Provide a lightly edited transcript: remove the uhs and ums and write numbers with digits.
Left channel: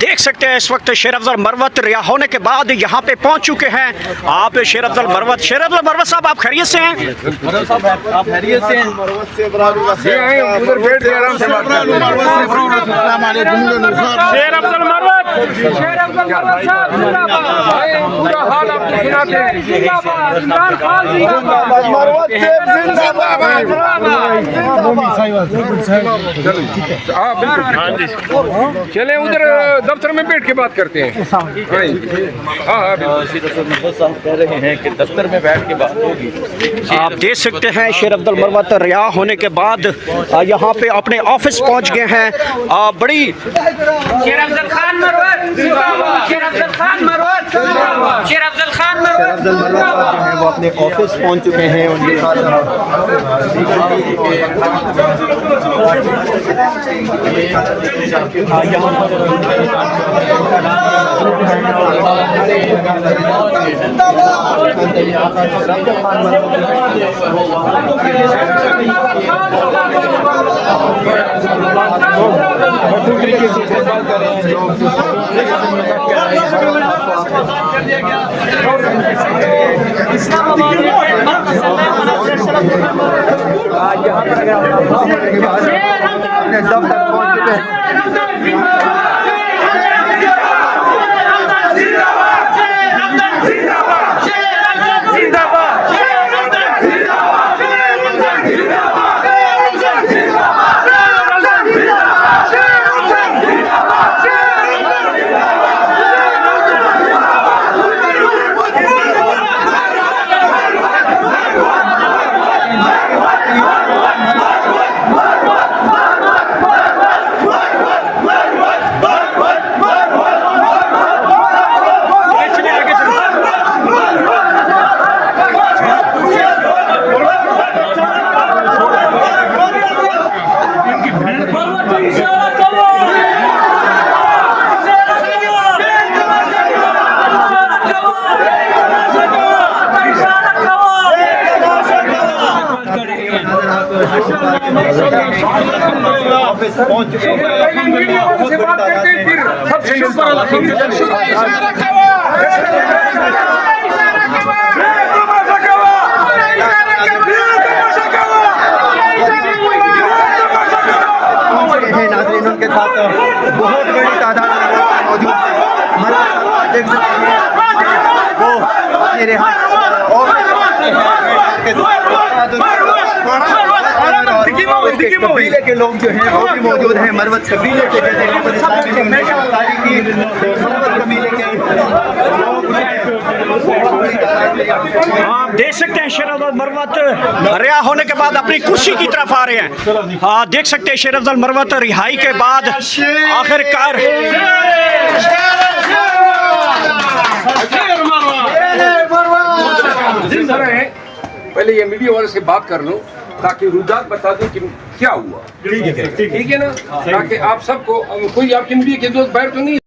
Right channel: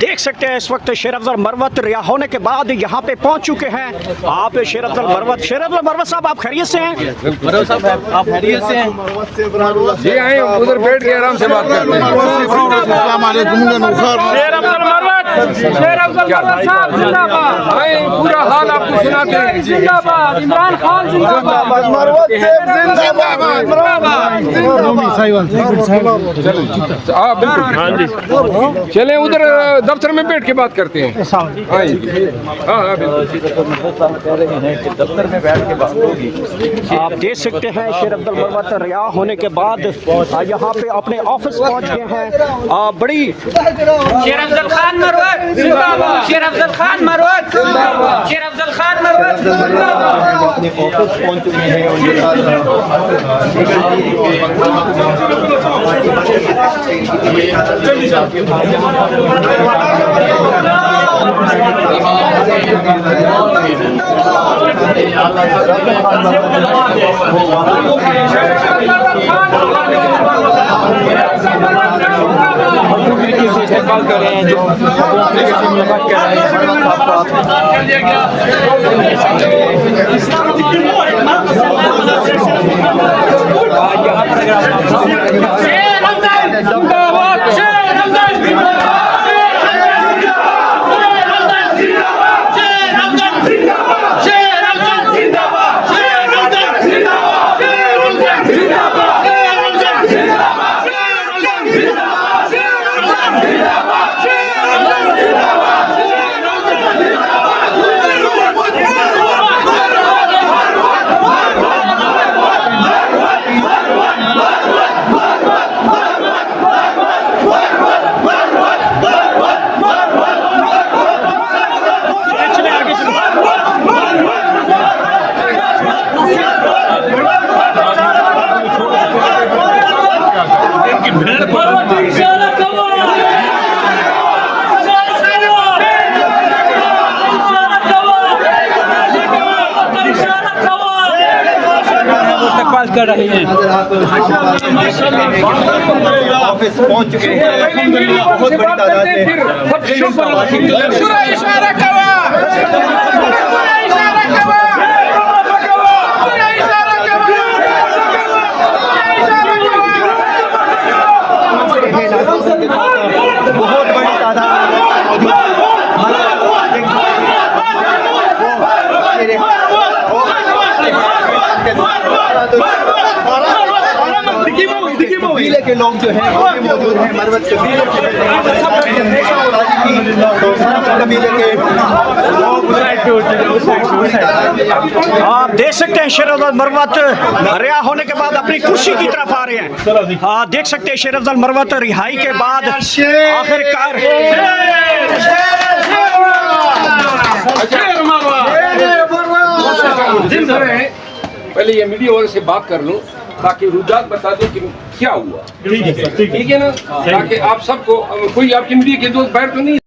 देख सकते हैं इस वक्त शेर अफजल मरवत रिहा होने के बाद यहाँ पे पहुँच चुके हैं आप शेर अफजल मरवत साहब, आप खैरियत से हैं? मरवत साहब आप खैरियत से हैं? ये आए उधर बैठ के आराम से बात कर लो। शेर अफजल मरवत साहब जिंदाबाद। पूरा हाल आपको सुनाते हैं। जिंदाबाद इमरान खान जिंदाबाद। चले उधर दफ्तर में बैठ के बात करते हैं। कह रहे हैं कि दफ्तर में बैठ के बात होगी। आप देख सकते हैं शेर अफजल मरवत रिहा होने के बाद यहाँ पे अपने ऑफिस पहुँच गए हैं। बड़ी शेर अफजल खान मरवत जिंदाबाद। शेर अफजल खान मरवत जिंदाबाद। शेर अफजल खान मरवत जिंदाबाद। अपने ऑफिस पहुंच चुके हैं। उनके साथ तरीके से इस्तेमाल कर रहे हैं जो मुलाकात कर रहे पहुंच चुके हैं। बहुत बड़ी तादाद कबीले के लोग जो हैं वो भी मौजूद हैं। मरवत कबीले के कबीले के आप देख सकते हैं शेर अफजल मरवत रिहा होने के बाद अपनी कुर्सी की तरफ आ रहे हैं। देख सकते हैं शेर अफजल मरवत रिहाई के बाद आखिरकार पहले ये मीडिया वाले से बात कर लूं ताकि रुझान बता दूं कि क्या हुआ। ठीक है ना, ताकि आप सबको कोई आपकी मीडिया के दोस्त बैठ तो नहीं